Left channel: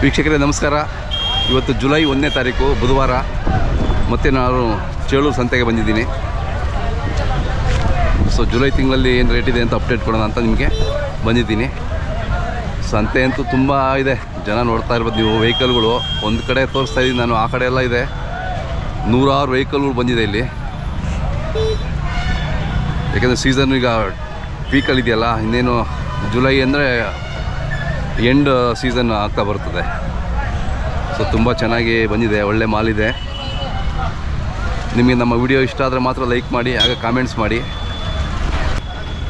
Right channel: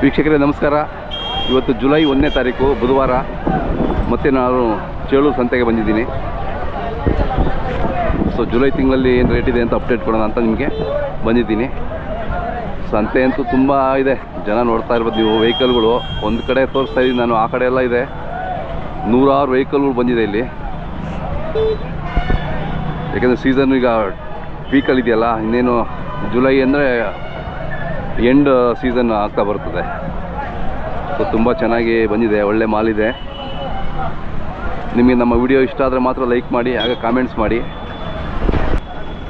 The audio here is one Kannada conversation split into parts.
ವೀಕ್ಷಕರೇ ನಮಸ್ಕಾರ. ಇವತ್ತು ಜುಲೈ 1ನೇ ತಾರೀಕು ಬುಧವಾರ. ಮತ್ತು ನಾನು ಚೇಳೂರು ಸಂತೆಗೆ ಬಂದಿದ್ದೀನಿ. ಸೊ ಜುಲೈ ತಿಂಗಳಲ್ಲಿ ಏನು ರೇಟ್ ಇದೆ ಅಂತ ಅಪ್ಡೇಟ್ ಕೊಡೋಣ ಅಂತ ನಿಮಗೆ ಬಂದಿದ್ದೀನಿ. ಸಂತೆ ಅಂತೂ ತುಂಬ ಇದೆ, ಜನ ನೋಡ್ತಾ ಇರ್ಬೋದು ನೀವು. ವೆಹಿಕಲ್ಗಳು ಒಂದು ಕಡೆ ತೋರಿಸ್ತಾ ಇದ್ದೀನಿ ನಾನು, ಆ ಕಡೆ ಎಲ್ಲ ಇದೆ. ನೂರಾರು ವೆಹಿಕಲ್ಗಳು ಬಂದಿದೆ ಇಲ್ಲಿ. ಯಾಕೆಂದರೆ ಸೀಸನ್ ಈಗ ಪೀಕಲ್ಲಿದೆಯಲ್ಲ, ಇನ್ನೇನು ಜುಲೈ ಅಂದರೆ ಎಂಡ್ ಸೀಸನ್ ಆಗ್ತಾ ಬರ್ತದೆ. ಸೊ ತುಂಬ ಚೆನ್ನಾಗಿ ಬಂದಿದೆ, ಒಳ್ಳೆ ಮಾಲಿದೆ. ನಿಮಗೆ ನಮ್ಮ ವಿಡಿಯೋ ಇಷ್ಟ ಆದರೆ ಮಾತ್ರ ಲೈಕ್ ಮಾಡಿ, ಆಗ ಕಾಮೆಂಟ್ಸ್ ಮಾಡಿ.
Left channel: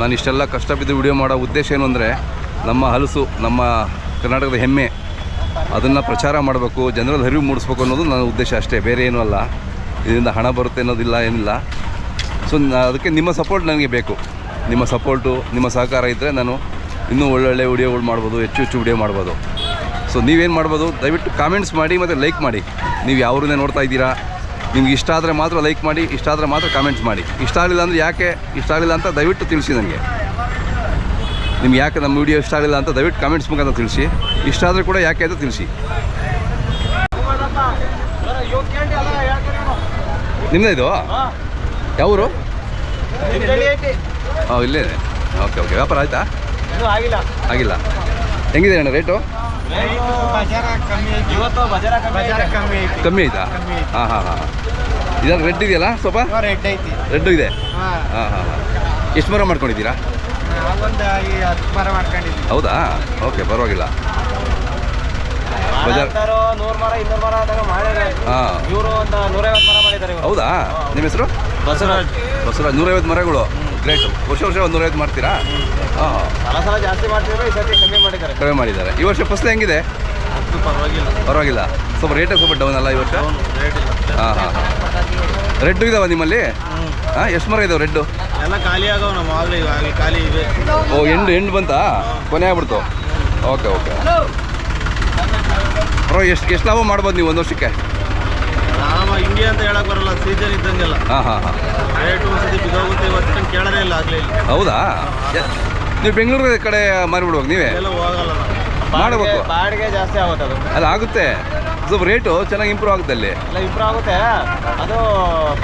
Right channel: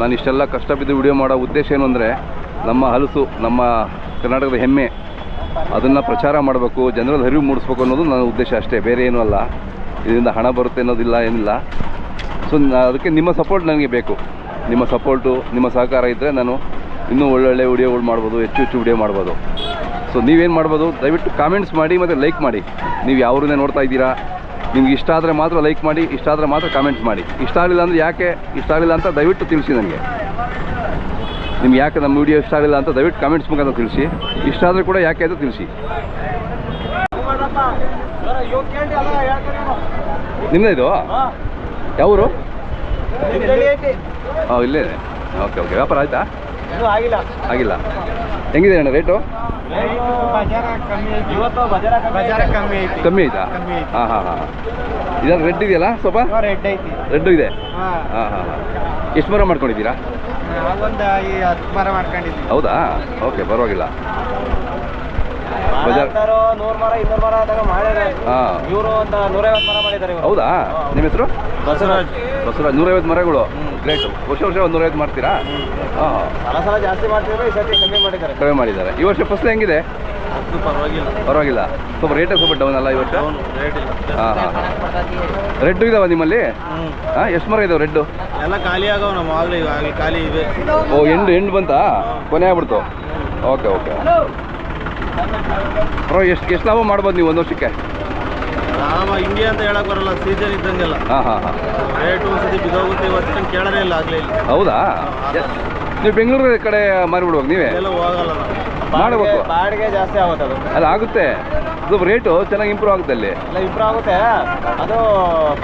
ನಾನು ಇಷ್ಟೆಲ್ಲ ಕಷ್ಟಬಿದ್ದು ವಿಡಿಯೋ ಮಾಡೋ ಉದ್ದೇಶ ಏನು ಅಂದರೆ, ನಮ್ಮ ಹಲಸು, ನಮ್ಮ ಕರ್ನಾಟಕದ ಹೆಮ್ಮೆ, ಅದನ್ನು ಪ್ರಚಾರ ಮಾಡಬೇಕು, ಜನರಲ್ಲಿ ಅರಿವು ಮೂಡಿಸ್ಬೇಕು ಅನ್ನೋದು ನನ್ನ ಉದ್ದೇಶ ಅಷ್ಟೇ, ಬೇರೆ ಏನೂ ಅಲ್ಲ. ಇದರಿಂದ ಹಣ ಬರುತ್ತೆ ಅನ್ನೋದಿಲ್ಲ, ಏನಿಲ್ಲ. ಸೊ ಅದಕ್ಕೆ ನಿಮ್ಮ ಸಪೋರ್ಟ್ ನನಗೆ ಬೇಕು. ನಿಮ್ಮ ಸಪೋರ್ಟು, ನಿಮ್ಮ ಸಹಕಾರ ಇದ್ದರೆ ನಾನು ಇನ್ನೂ ಒಳ್ಳೊಳ್ಳೆ ವಿಡಿಯೋಗಳು ಮಾಡ್ಬೋದು, ಹೆಚ್ಚು ವಿಡಿಯೋ ಮಾಡ್ಬೋದು. ಸೊ ನೀವೇನು ಮಾಡ್ಬೋದು, ದಯವಿಟ್ಟು ಕಾಮೆಂಟ್ಸ್ ಮಾಡಿ ಮತ್ತು ಲೈಕ್ ಮಾಡಿ. ನೀವು ಯಾವ್ರನ್ನೇ ನೋಡ್ತಾ ಇದ್ದೀರಾ, ನಿಮ್ಗೆ ಇಷ್ಟ ಆದರೆ ಮಾತ್ರ ಲೈಕ್ ಮಾಡಿ, ಇಷ್ಟ ಆದರೆ ಮಾತ್ರ ಕಾಮೆಂಟ್ಸ್ ಮಾಡಿ. ಇಷ್ಟ ಆಗಲಿಲ್ಲ ಅಂದರೆ ಯಾಕೆ ಇಷ್ಟ ಆಗಲಿಲ್ಲ ಅಂತ ದಯವಿಟ್ಟು ತಿಳಿಸಿ ನನಗೆ. ನಿಮ್ಗೆ ಯಾಕೆ ನಮ್ಮ ವಿಡಿಯೋ ಇಷ್ಟ ಆಗಲಿಲ್ಲ ಅಂತ ದಯವಿಟ್ಟು ಕಾಮೆಂಟ್ಸ್ ಮುಖಾಂತರ ತಿಳಿಸಿ. ಇಷ್ಟ ಆದರೆ ಕೂಡ ಯಾಕೆ ಅಂತ ತಿಳಿಸಿ. ನಿಮ್ಮದೇ ಇದು ಯಾವರು? ಹಾಂ, ಇಲ್ಲೇ. Okay okay. ವ್ಯಾಪಾರ ಆಯಿತಾ? ಆಗಿಲ್ಲ. ಹೆಂಗಿದೆ ಅಣ್ಣ ರೇಟು? ಕಮ್ಮಿ ಆಯ್ತಾ? ಹಾಂ ಹಾಂ ಹಾಂ. ಇದಾಗ ರೆಡ್ ಇದೆಯಲ್ಲ, ಸ್ವಲ್ಪ ರೆಡ್ಡು ಇದೆ. ಹಾಂ ಹಾಂ ಹಾಂ. ಎಷ್ಟು ಮರ ಮಾಡ್ಕೊಂಡಿದ್ದೀರಾ? ಹೌದಾ? ಓಕೆ, ಪರವಾಗಿಲ್ಲ. ಹೌದಾ? ನಿಮ್ಮ ಹೆಸರು? ಬಸವರಾಜ್. 150 ಮರಗಳು, ಗ್ರೇಟ್. ವರ್ಷ ಒಂದು 150 ಮಾಡ್ತೀರಾ? ಹಾಂ, ಜಾಸ್ತಿ ಮಾಡ್ತಿದ್ರೆ ಈ ಸರ್ತಿ ಕಮ್ಮಿ ಮಾಡಿದ್ದಾರೆ. ಈ ವರ್ಷ ಫಸಲು ಹೆಂಗಿದೆ? ಪರವಾಗಿಲ್ಲ. ಸ್ವಲ್ಪ ರೇಟ್ ಸ್ವಲ್ಪ ಡೌನ್ ಅಲ್ಲ ಈ ವರ್ಷ? ಹಾಂ ಹಾಂ. ರೆಡ್ಡು ಇದಾವ ನಿಮ್ಮಲ್ಲಿ? ಹಾಂ, ಎಷ್ಟು ಮರ ಇದಾವೆ ರೆಡ್ಡು? ಎಲ್ಲ ಖಾಲಿ ಆಗವ ನಮ್ಮ ಖಾಲಿ ಇವೆ. ಓ, ಎಂಡು ಬಂತಾ? ಕೊನೆ ಆಗ್ಬಿಡ್ತು. Okay okay. ಬ್ರೋ, ಎಷ್ಟು ಲಾಭ ಮಾಡ್ಬೋದು ನೀವು ಒಂದು ವರ್ಷಕ್ಕೆ? ಲಾಭ ಹಿಂಗೆ ಅಂತ ಹೇಳಕ್ ಬರಲ್ಲ, ಸೀಸನ್ ಇದ್ದಂಗೆಲ್ಲ. ಹಾಂ ಹಾಂ ಹಾಂ. ರೇಟು ಒಂದ್ಸತಿ ಬಿದ್ದೋಗುತ್ತೆ, ಇವತ್ತು ಕೇಳೋದೇ ಇಲ್ಲ, ಆಗಲೇ ಇಲ್ಲ. ಹೌದಾ? ನೀವು ಬೆಂಗಳೂರು ಕಡೆ ಮಾರಿಬಿಡುವಾಗ ನೀವೇ? ಎಲ್ಲ ಹೋಗಲ್ಲ, ಮಾಡಬೇಕು. ಬಾಡಿಗೆ ಜಾಸ್ತಿ ಆಗುತ್ತೆ ಅದು. ಅಲ್ಲ, ಆಗುತ್ತೆ. ಸ್ವಲ್ಪ ರೇಟು ಚೆನ್ನಾಗಿ ಇಂಪ್ರೂವ್ ಆಗುತ್ತೆ ಅಲ್ಲಿ. ಎಲ್ಲ ಇಂಪ್ರೂವ್ ಆಗುತ್ತೆ, ಅದು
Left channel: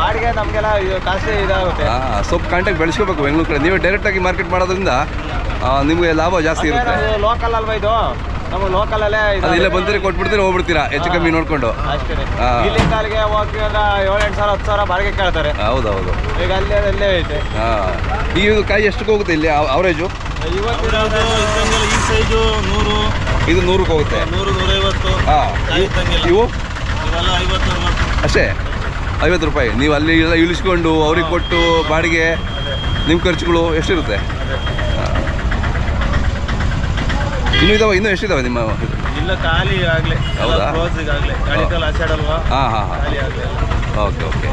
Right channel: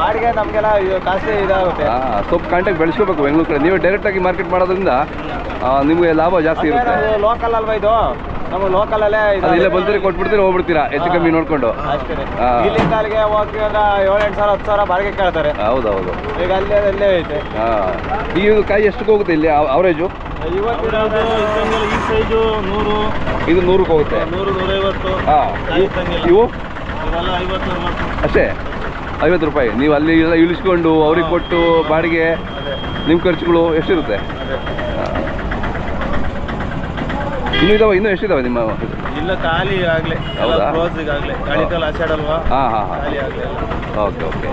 ಬಾಡಿಗೆ ನಮಗೆಲ್ಲ ಕಾಸ್ಟ್ಲಿ ಇದಾಗುತ್ತೆ. ಸ್ವಲ್ಪ ಕಾಂಟ್ಯಾಕ್ಟ್ ಬೆಳೆಸ್ಕೋಬೇಕು ಬೆಂಗಳೂರು ಕಡೆ. ನೀವೇ ಡೈರೆಕ್ಟಾಗಿ ಮಾರ್ಕೆಟ್ ಮಾಡೋದ್ರಿಂದ ನಿಮಗೆ ಲಾಭ ಜಾಸ್ತಿ ಇರುತ್ತೆ. ಲೋಕಲ್ ಅಲ್ವಾ ಇದು, ನಮ್ಮ ಲೋಕಲಲ್ಲೇ ಇಲ್ಲೇ ಬಂದರೆ ಕೊಟ್ಬಿಡ್ತೀರಾ, ಹೋಗ್ಬಿಡ್ತೀರಾ ಹೆಚ್ಚು ಕಮ್ಮಿ ನೋಡಿಕೊಂಡು. ಅಷ್ಟೇ. ಇಲ್ಲಿಂದ ಅಲ್ಲಿಗೆ ಹೋಗ್ತೀವಿ ಅಂದ್ರೆ 7-8 ಸಾವಿರ 10 ಸಾವಿರ ಬಾಡಿಗೆ ಕೇಳ್ತಾರೆ. ಹೌದೌದು. ಈಗ ಅಲ್ಲೇ ಐತೆ. ಹಾಂ. ಈ ಕಾಯಿ ಎಷ್ಟಕ್ಕೆ ಹೋಗುತ್ತೆ ಇಲ್ಲಿ ಅವರೇಜು? ಇವತ್ತಿರೋದು ಈ ಸೈಜು 100, ಇದು 100ಕ್ಕೆ ಹೋಗುತ್ತೆ. 100, 150. ಹಾಂ. ಇವು ಇವೆಲ್ಲ 50 ಅಷ್ಟೇ, 50 ರೂಪಾಯಿ. ನೀವು ಅಲ್ಲಿ ಎಲ್ಲ ಇಳಿಸ್ಕೊಂಡು ಅವ್ರಿಗೆ ಕೊಟ್ಟು ಬಾಡಿಗೆ, ನಿಮ್ಮ ಖರ್ಚುಗಳು ಎಷ್ಟಿರುತ್ತೆ? ಇನ್ನೂ ಎಷ್ಟಿದಾವೆ ನಿಮ್ಮ? ಇಲ್ಲ, ಖಾಲಿ ಆಗಲೇ. ಹೌದಾ? ಕ್ಲೋಸ್ ಈಗಾಗಲೇ, ಗಾಳಿಕಾಲ ಆಚಾಡಲ್ವಾ? ಹಾಂ ಹಾಂ ಹಾಂ. ಖಾಲಿ ಆಗಲೇ. Okay okay.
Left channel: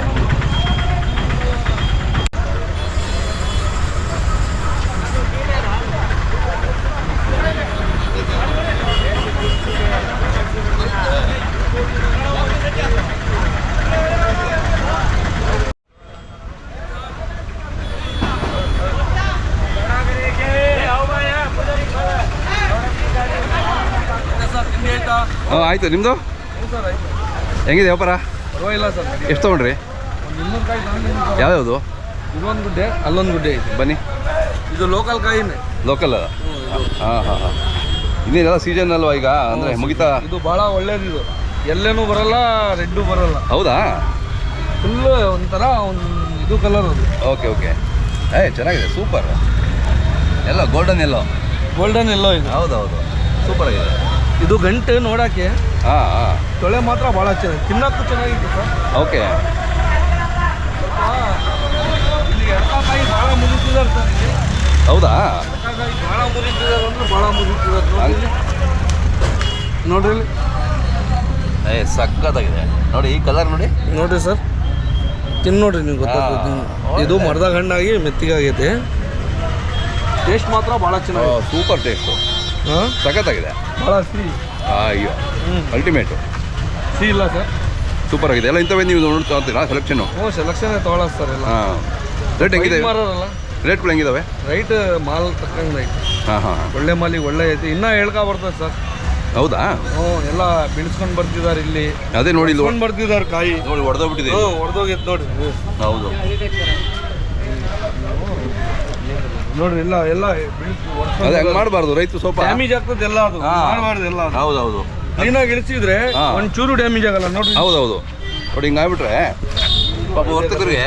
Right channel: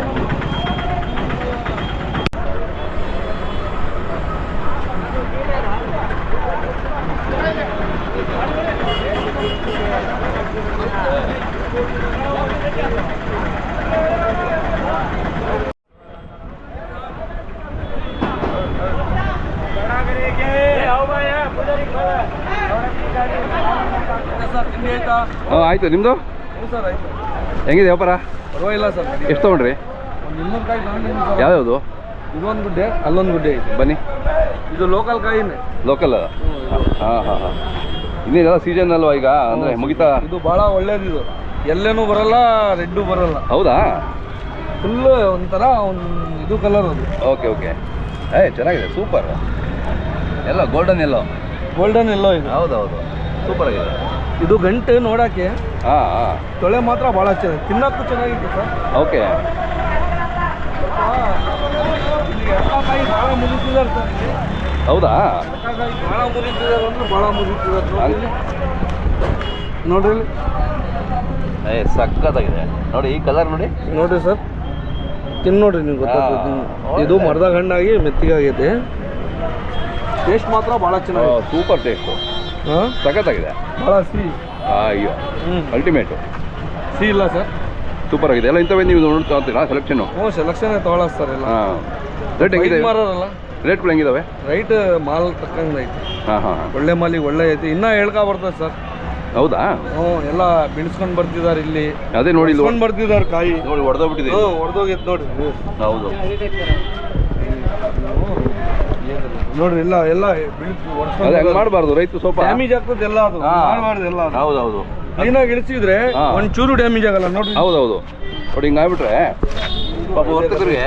ಹಾಂ, ಆಯಿತು. ನಿಮ್ಮದು ಹೆಂಗಿದೆ ವ್ಯಾಪಾರ? ಪರವಾಗಿಲ್ಲ ಸರ್. ಎಷ್ಟು ತೊಗೊಂಡ್ರಿ? ಒಂದು 200 ಕಾಯಿ ತಗೊಂಡಿದ್ದೀನಿ. ಯಾವ್ಯಾವುದು? ಇದೊಂದು ಗುಡ್ಡೆ, ಅಲ್ಲೊಂದು ಗುಡ್ಡೆ ಐತೆ. ಬನ್ನಿ. ಇದು ಲೋಕಲ್ ಕಾಯಿನೇ. ಲೋಕಲ್? ಹಾಂ ಹಾಂ ಹಾಂ. ಇನ್ನೇನೆಲ್ಲ ಸೀಸನ್ ಅಲ್ವಾ ಈಗ, ಅಂದರೆ ಮುಗಿತಾ? ಇದು ಭಾಳ ಒಳ್ಳೇದು. ಇದು ಎಲ್ಲೇನೂ ಬರಲ್ಲ, ರೆಡ್ಡು ಬರಲ್ಲ. ಹೌದಾ? ಫುಲ್ಲು ಒಂಥರ ಇದು ಕಲರ್ ಅದು. Okay okay. ಚೆನ್ನಾಗಿದೆ, ಸೂಪರ್. ಎಲ್ಲ ಗೋಲ್ಡನ್ ಎಲ್ಲೋ. ಗೋಲ್ಡನ್ ಎಲ್ಲೋ ಇದು. ಹೌದೌದು, ಸೂಪರ್ ಆಗಿದೆ. ಇದು ಗಂಟೆ ನೋಡೋಕ್ಕೆ. ಹಾಂ ಹಾಂ. ತೊಳೆ ಮಾತ್ರ ಭಾಳ ಚೆನ್ನಾಗಿ, ತಿನ್ನೋಕ್ಕೂ ಚೆನ್ನಾಗಿತ್ತು ಸರ್. ಓಕೆ. ಇಲ್ಲಿ ಎಡಕಾಯಿ ಭಾಳ ಮುರಿತಿದ್ದಾರೆ ಸರ್. ಇಲ್ಲಿ ಹೌದಾ? ಎಡಕಾಯಿ ಭಾಳ ಮುರಿತಿದ್ದಾರೆ ಅಂದ್ರೆ ಭಾಳ ಮುರಿತಿದ್ದಾರೆ ನೋಡ್ರಿ. ಸಕ್ಕತ್ತಾಗಿದೆ ನೋಡಿ, ಈ ಕಲರ್ ನೋಡಿ. ನೋಡ್ರಿ ಸರ್, ತಿನ್ನು ನೋಡ್ರಿ, ನೀವು ಗೊತ್ತಾಗ್ತದೆ. ಇದು ಮರದಾಗ ಹಣ್ಣಾಗಿ ಮೆತ್ತಿಗಾಗೈತೆ. ಟೇಸ್ಟ್ ಮಾತ್ರ ಭಾಳ ಚೆನ್ನಾಗಿದೆ. Super taste. ಹಾಂ, ಸಖತ್ತಾಗಿದೆ. ಭಾಳ ಸಿಹಿ. ಅಯ್ಯೋ, ಅಲ್ಟಿಮೇಟು. ಸಿಹಿ ಇಲ್ಲ ಸರ್, ಸೂಪರ್ ಆಗಿದೆ. ಎಲ್ಲ ಇಂಥವೇ ನೀವು ನೋಡ್ತಾ ಸೆಲೆಕ್ಷನ್ನು? ಸೆಲೆಕ್ಷನ್ ತೊಗೊಳೋದು ಸರ್ ಎಲ್ಲ. ಹಾಂ. ರೇಟ್ ಹೆಂಗಿದೆ? ಮಾರಲ್ಲ, ರೇಟ್ಗಳು ಹೆಂಗಿದಾವೆ? ರೈಟ್ ಮಾಲ್ ತಕ್ಕಂಗೆ ಐತೆ. ಹಾಂ ಹಾಂ. ಒಳ್ಳೆ ಮಾಲಿಗೆ ಒಳ್ಳೆ ಐತೆ. ಇನ್ನೂ ಹೇಳ್ಕೊ ಬರ್ತದೆ ಸರ್. ಹೌದಾ? ಎಲ್ಲ ಬಿಡಿಸ್ಕೊಂಡು ಬರ್ತಿದ್ದಾರೆ ಇಲ್ಲಿ. ಅದೇ ನೋಡಿ ಇಲ್ಲಿ ಬರ್ತಿದ್ದಾರೆ ಕಾಯಿ ನೋಡಿ ಹೊಡೆದೋಗ್ಬಿಟ್ಟಿದೆ. ಹೊಡೆದೋಗಿತ್ತು ನೋಡ್ರಿ. ಹೌದು ನೋಡ್ರಿ ಎಲ್ಲ ಅದೇ ಹಂಗೆ ಮಾಡಬಾರ್ದು. ರೈತರು ಸ್ವಲ್ಪ ಡ್ಯಾಮೇಜ್ ಆಗ್ತದೆ ಎಲ್ಲ. ಅದು ಮಾಡಬಾರ್ದು ಎಲ್ಲ. ಹೌದೌದು. ಕ್ಲೀನಾಗಿ ಇಳಿಸಿದ್ರೆ ಒಂಚೂರು ಡ್ಯಾಮೇಜ್ ಆಗಲ್ಲ ನೋಡ್ರಿ. ಹೌದೌದು ನೋಡಿ ಹಿಂಗೆ ಆಗ್ಬಿಟ್ರೆ ಪಾಪ ವರ್ತಕರಿಗೆ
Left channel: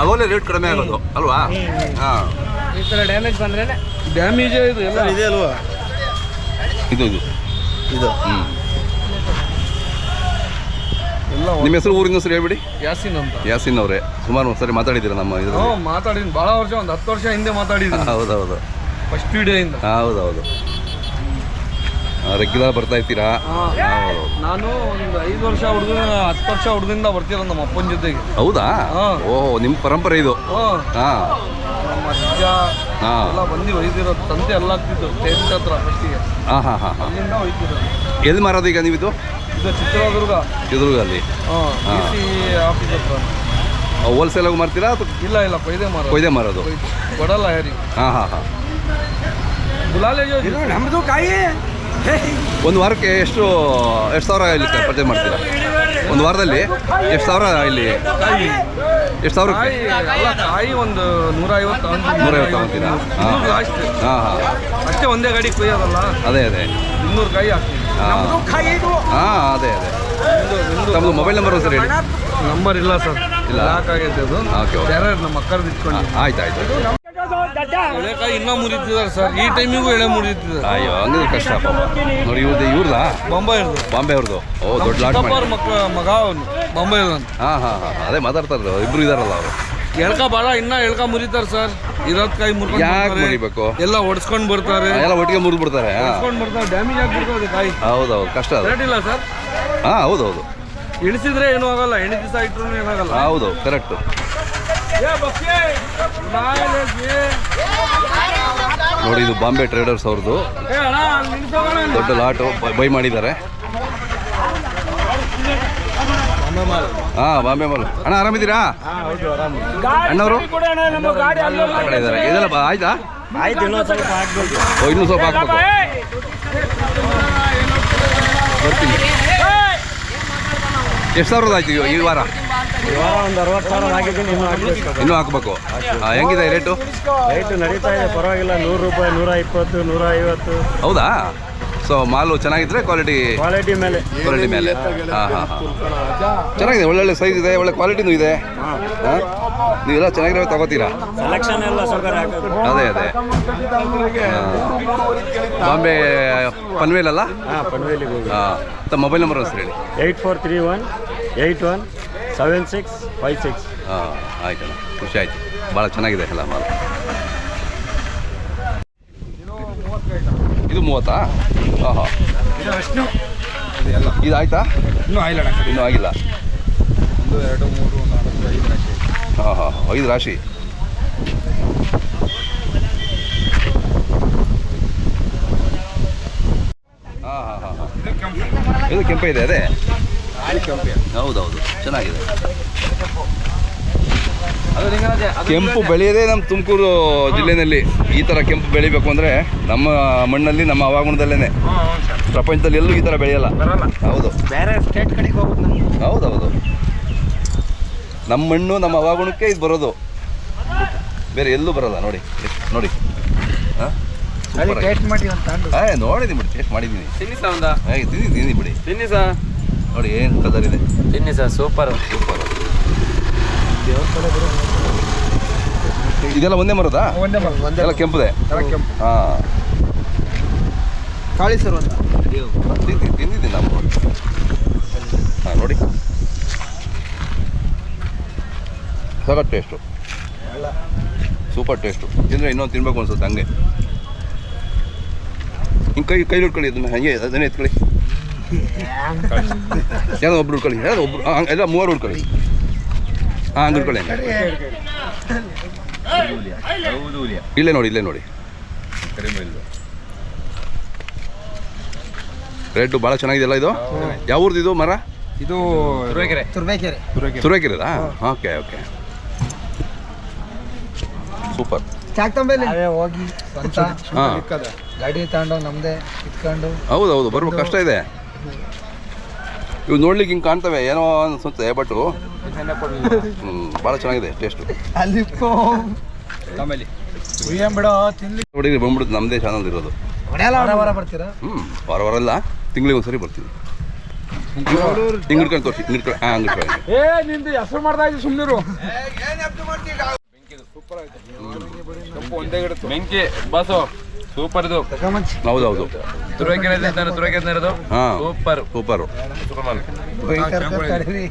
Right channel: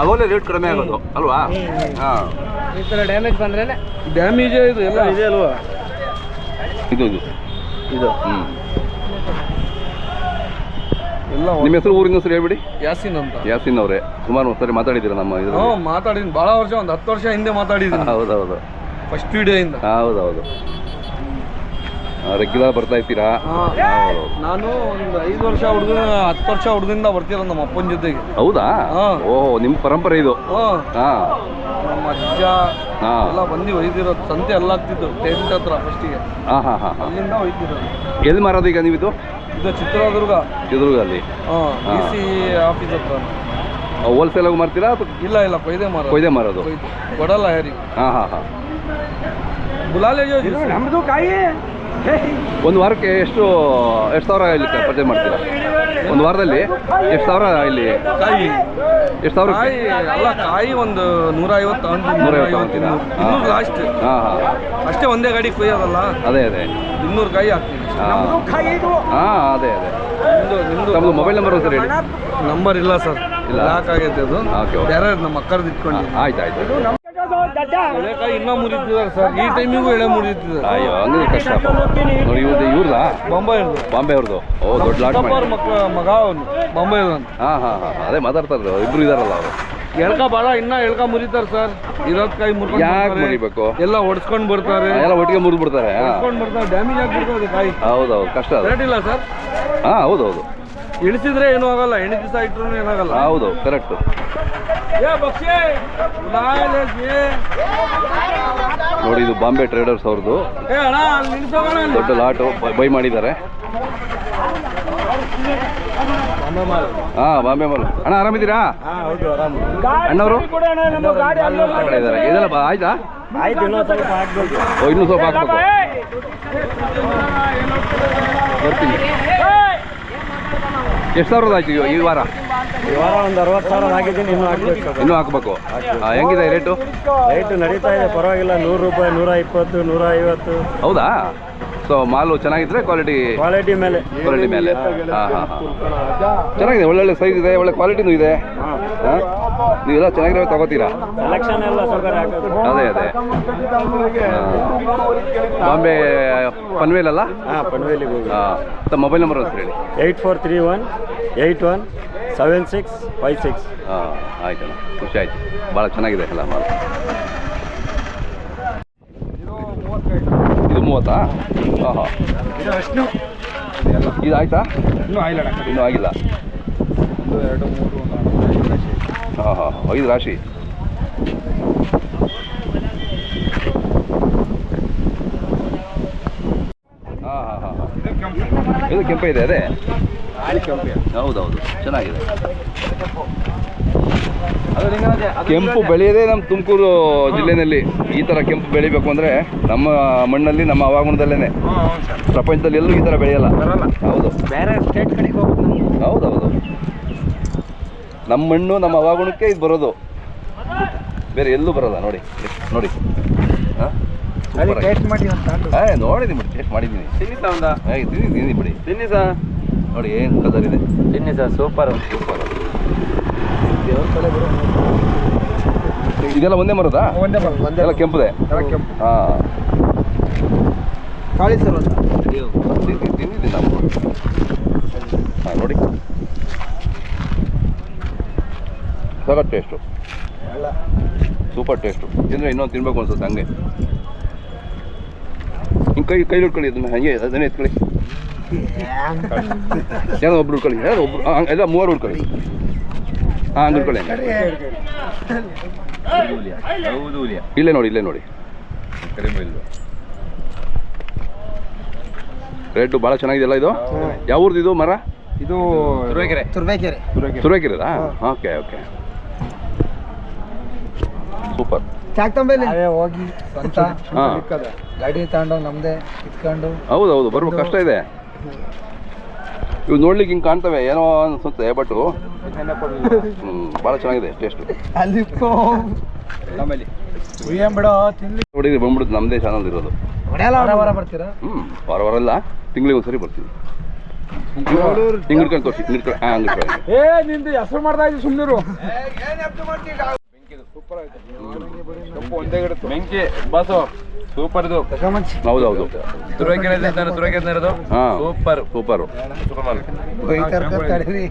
ಅವಾಗಲೇ ರೇಟ್ ಕಡಿಮೆ ಆಗೋದು ಅಲ್ವಾ? ಹಾಂ ಈ ಥರ ಡ್ಯಾಮೇಜ್ ಬಂದ್ರೆ ಡ್ಯಾಮೇಜೇ ಇದು ಎಲ್ಲ ಇದೆ ಅಲ್ವಾ? ಇದು ಇದು ಎಲ್ಲ. ನಿಮ್ಮ ಹೆಸರು ಊರಿನ ಹೆಸರು ಹೇಳ್ಬಿಡಿ. ಯಾಸಿನ್ ಅಂತ. ಯಾಸಿನ್ ಅವರೇ ಸುಮಾರು ಒಂದ್ಸರಿ ಮಾತಾಡಿದ್ದೀರಾ ನಮ್ಮ ಇದು? ಮಾತಾಡಿದ್ದೀನಿ ಭಾಳ ವರ್ಷ, ಒಂದು 10 ವರ್ಷ ಹಿಂದೆ ಮಾತಾಡಿದ್ದೀನಿ. ಹೌದೌದು ಫಸ್ಟ್ ವಿಡಿಯೋಯಿಂದ. ಹೌದೌದು ರೆಗ್ಯುಲರ್ ಬರ್ತಾ ಇರ್ತೀರಾ? ನಾನು ಒಂದು 5 ವರ್ಷ 10 ವರ್ಷ ಹುಡುಗದಿಂದ ಬರ್ತೀರ ನಮ್ಮ ಅಪ್ಪನ ಜೊತೆಗೆ. ಹೌದಾ? ಓಹೋ ನಿಮ್ಮ ಪರಂಪರೆ ಇದು. ಹಾಂ ನಮ್ಮ ಅಜ್ಜ ಎಲ್ಲ ಬಂದು ಒಯ್ದಿರೋದು. ತಂದೆ ಎಲ್ಲ ಆಗ್ತಿತ್ತು ಟೆಂಟ್ ಹತ್ರ ಫಸ್ಟಿಗೆ. ಅಲ್ಲಿಂದ ಒಯ್ತಿರೋದು. ಎಲ್ಲಿ ಮಾರೋದು ಈಗ ನೀವಿದು? ಇದು ಚಿತ್ರದುರ್ಗಲ್ಲಿ DC ಆಫೀಸ್ ಹತ್ರ. ಹೋಲ್ಸೇಲಾಗಿ ಮಾರ್ತೀರಾ ಅಥವಾ? ಇಲ್ಲ ಕೊಯ್ದೆ ಮಾರೋದು. ಕೊಡಲ್ಲ ಯಾರಿಗೆ. ಹಾಂ ಗುಲಾಲೆ ನಮ್ಮದು ಕಾಯಿ. ಒಂದು ವಾರಕ್ಕೆ ಎಷ್ಟು ಸಾವಿರ ಇಲ್ಲಿ ಪರ್ಚೇಸ್ ಮಾಡ್ತೀರಾ? ಒಂದು ವಾರದಲ್ಲಿ ಎಷ್ಟು ಸಾವಿರ ಇಲ್ಲಿ ಕಾಯಿ? ಎಷ್ಟು ಸಾವಿರ ಕಾಯಿ? ಒಂದು 150 ಅಂತೀರಾ? ಲಾಸ್ಟ್. ಅಷ್ಟೇ ಒಂದೇ ಗಾಡಿ ಕೊಯ್ಯೋದಲ್ಲ. ಅದೇ 200 ಕಾಯಿ ಹಾಕ್ತೀವಿ. ಅದೇ ನಮ್ಮದು ಮೊಬೈಲ್ ನಂಬರ್ ಸರ್ ಹೇಳಿ. ನಂಬರ್ ಇಲ್ಲ ಸರ್, ಲಾಕ್ ಆಗೈತೆ ಅದು. ಬೇರೆ ನಮ್ಮ ಅಕ್ಕರ್ದು ಇಟ್ಕೊಂಡು. ಆಯ್ತು ಎಳೆಕಾಯಿ ಇನ್ನೂ ಮುರಿತಿದ್ದಾರೆ ಸರ್. ಈ ಟೈಮಿಗೂ ಎಳೆ ಮುರಿತಿದ್ದಾರೆ. ಅಯ್ಯೋ ಹಂಗಿದ್ರೆ ಕಷ್ಟ ನೋಡಿ. ಇವ್ರದಾ? ಬಾಂಬೆ ಅವ್ರದ್ದು. ಓ ದೊಡ್ಡ ಲಾಟ್ ಮಗ ಅವನು ಬಾಂಬೆ ಅಂತ. ಹಾಂ ಅದೇ ಮಾತಾಡ್ತಾರೆ. ಇಬ್ರು ಇದಾರಲ್ಲ ಅವರು. ಎಳ್ಕ ಭಾಳ ಎಳ್ಕ ಮುರಿತಾರೆ ಸರ್. ಇರೋದ್ ಕಾಯಿ ಮುರ್ಕೊಂಡು ಯಾಕೆ ಮುರಿಬೇಕು? ಎಲ್ಲ ಹೊಡ್ಸ್ಕೊಂಡು ಬರ್ತಾರೆ. ಎಲ್ಲ ಒಟ್ಟಿಗೆ ಮುರಿದು ಬಿಡ್ತಾರೆ. ಡ್ಯಾಮೇಜ್ ಆಗ್ಬಿಡ್ತದೆ ಕಾಯಿ. ಹೌದೌದು ಕಷ್ಟ ಅದು. ರೇಟ್ ಇಲ್ಲ ಸರ್. ಹೌದೌದು ಇಳಿಸಿದ್ರೆ ಏನೂ ಆಗಲ್ಲ. 8 ದಿವಸ ಇಟ್ಟರು ಏನಾಗಲ್ಲ. ಹೌದು ಕರೆಕ್ಟ್. ನೋಡಿ ಇದು ಬಾಂಬೆ ಟ್ರೇಡರ್ಸ್ ಅವ್ರದ್ದು ದೊಡ್ಡ ಲಾಟು ಬೈ ಮಾಡಿದ್ದಾರೆ. ಬಾಂಬೆ ಮಾಲ್. ಅಣ್ಣ ಆರಾಮಿದ್ದೀರಾ? ಅಣ್ಣವರು ಇದ್ದಾರೆ. ಇದೆಲ್ಲ ಆಯ್ತಾ? ಇನ್ನೂ ಸ್ವಲ್ಪ ಹಾಕ್ಬೇಕು. ಬರ್ತೀನಿ. ಎಷ್ಟು ಸಾವಿರದ ಆಯ್ತು ಈ ವಾರ? ಒಂದು 60,000 ಆಗಿದ್ದೀನಿ. ಇನ್ನೂ ಹಾಕ್ಬೇಕು. ಹೆಂಗಿದೆ ರೇಟು ನಡೀತಾ ಇದೆ, ಪರವಾಗಿಲ್ಲ. 100 ರೂಪಾಯಿ, 120, 150. ಹೌದಾ? ಸೊ ಮಾಲು ಚೆನ್ನಾಗಿದ್ರೆ ಕ್ವಾಲಿಟಿ ಮೇಲೆ. ಚೆನ್ನಾಗಿದೆ, ಒಳ್ಳೊಳ್ಳೆ ಸೈಜ್ ಇದೆ, ಒಳ್ಳೆ ಕ್ವಾಲಿಟಿನೂ ಇದೆ. ನೀವೆಲ್ಲ ಚೆನ್ನಾಗಿರೋ ತಗೋತೀರಾ? ಸೆಲೆಕ್ಷನ್ ಎಲ್ಲ ಅದೇ ಬಾಂಬೆ ಪನ್ವೇಲ್ ಅಲ್ಲ? ಪನ್ವೇಲಿಗೆ ಹೋಗಿ. ಮೊಬೈಲ್ ನಂಬರ್ ಹೆಸರು ಹೇಳಿ. 8431817656. ಆಯ್ತಲ್ಲ, ಖುಷಿ ಆಯ್ತು. ಭಾಳ ಚೆನ್ನಾಗಿದೆ ಅಲ್ಲ ಮಾಲು. ಇದು 30? ಇದು ಆಯ್ತಾ? ಇನ್ನೂ ಆಗಿಲ್ಲ. 1, 2, 3, 4, 5 ರಾಶಿ. ಇದು ಕೆಂಪು ಇದೆ. ಅದೇ ಹೌದೌದು ಚೆನ್ನಾಗಿದೆ. ಕೆಂಪು ಬೆಳೆಯೋದೇ ನಮ್ಮ ತುಮಕೂರು ಜಿಲ್ಲೆಯಲ್ಲಿ. ಈ ಥರ ಕೆಂಪು ಬೆಳಿಬೇಕು ಅಂದರೆ ನಮ್ಮ ಮಣ್ಣಲ್ಲಿ, ನಮ್ಮ ಹವಾಗುಣದಲ್ಲೇ. ಪ್ರಪಂಚದಲ್ಲಿ ಎಲ್ಲೂ ಈ ಥರ ಬೆಳೆಯಲ್ಲ. ಹೌದು, ಬೇರೆ ಸ್ಟೇಟ್ ಕಡೆಗೆ ಹೋಗ್ಬೇಕು. ಹೌದೌದು, ನಮ್ಮ ಮಣ್ಣು ನಮ್ಮ ಹವಾಗುಣಕ್ಕೆ ಇದು ಬರೋದು, ಬೇರೆ ಎಲ್ಲೂ ಬರೋಲ್ಲ. ನೋಡಿ ಟೇಸ್ಟ್ ಮಾಡಿ ಅಂತ ನೋಡಿದ್ದೀನಿ ಬಿಡಿ, ಟೇಸ್ಟ್ ಮಾಡಿದ್ದೀನಿ. ತಿನ್ನಿ ಬಿಡಿ. ನೋಡಿ ಏನು ಕಲರ್ ಇದೆ. ತಿನ್ನಿ ಸರ್, ಸೂಪರ್. ಇದೆಲ್ಲ ಒಂದೇ ಮರದಾ? ಎಲ್ಲ ಕೆಂಪುದೆ. ಹಾಂ ಕಾಳಿ ಸರ್ ಅಂತ ತಿಂದಿದ್ದೀನಿ ನಾವು. ನೋಡಿ ಸಖತ್ ಟೇಸ್ಟು, ಸೂಪರ್ ಟೇಸ್ಟು. ತಿಂದರೆ ಇನ್ನೊಂದು ತಿನ್ಬೇಕು ಅನ್ಸುತ್ತೆ ಹಂಗೆ. ಹಿಂಗೆ ಕೈಲಿ ಹಿಡ್ಕೊಳ್ಳಿ ಅದನ್ನ, ಹಂಗೆ ಅದನ್ನೇ ಎತ್ಕೊಳ್ಳಿ. ಏನೋ ಒಬ್ರು ಹಿಡ್ಕೊಳ್ಳಿ, ಒಬ್ರು ಎಲ್ಲ 3 ಹಿಡ್ಕೊಳ್ಳಿ. ಹಂಗೆ ಹಿಡ್ಕೊಳ್ಳಿ. ಇಲ್ಲೇ ನೋಡಿ ರೇಟು ಭಾಳ ಚೆನ್ನಾಗಿದೆಯಲ್ಲ. ಇದು ಯಾವ ಊರ್ದು ಇದು ಮರ? ಇದು ತುರುವೇಕೆರೆದಾ? Okay super. ನಾವೇ ಹೋಗಿ ಸ್ವಂತ ಹಾಂ ಗಾಡಿ ತಗೊಂಡು ನಮ್ದೇ ಇಟ್ಕೊಂಡು ಹೌದು ಹೌದು ಬರ್ಬೇಕು ಕಷ್ಟ ಇದೆ. ಇವು ನೋಡ್ಲಿಕ್ಕೆ ಹಿಂಗೆ ಕಾಣ್ತವೆ ಏನೋ ಅನ್ಸುತ್ತೆ, ಬಟ್ ಭಾಳ ಚೆನ್ನಾಗಿದೆ ಟೇಸ್ಟು. ಅಲ್ಲಿ ಬಿಡೋ ತಿನ್ಲಿ ಹುಡುಗಿ ಬಂದ್ಬಿಡುತ್ತೆ, ನಮ್ಮದೇ ಚಾನಲ್ ಇರೋದು. ವಾರ ಬರ್ತೀರಾ? ವಾರ ವಾರ ಅಲ್ಲ, ತಿಂಗಳಿಗೆ ಒಂದ್ಸರಿ ಬರ್ತೀವಿ. ಹಿಂಗೆ ಹಿಡ್ಕೊಂಡು ತೋರಿಸಿ, ಹಿಡ್ಕೊಂಡು ಹಾಂ ಹಂಗೆ ನಿಂದು ಹೆಸರು ಮಾಡ್ತಾ ಇದ್ದೀವಿ ಸುಮ್ಮನಿರು. ಬೆಂಕಿ ಬಾಸು ಸೂಪರ್ ಇದು. ಹೌದು ಹೌದು ತುರುವೇಕೆರೆ ಹಾಂ ಸೂಪರ್ ಸೂಪರು. ಹೋಗಿ ಕರ್ಕೊಂಡು ತಡೀರಿ.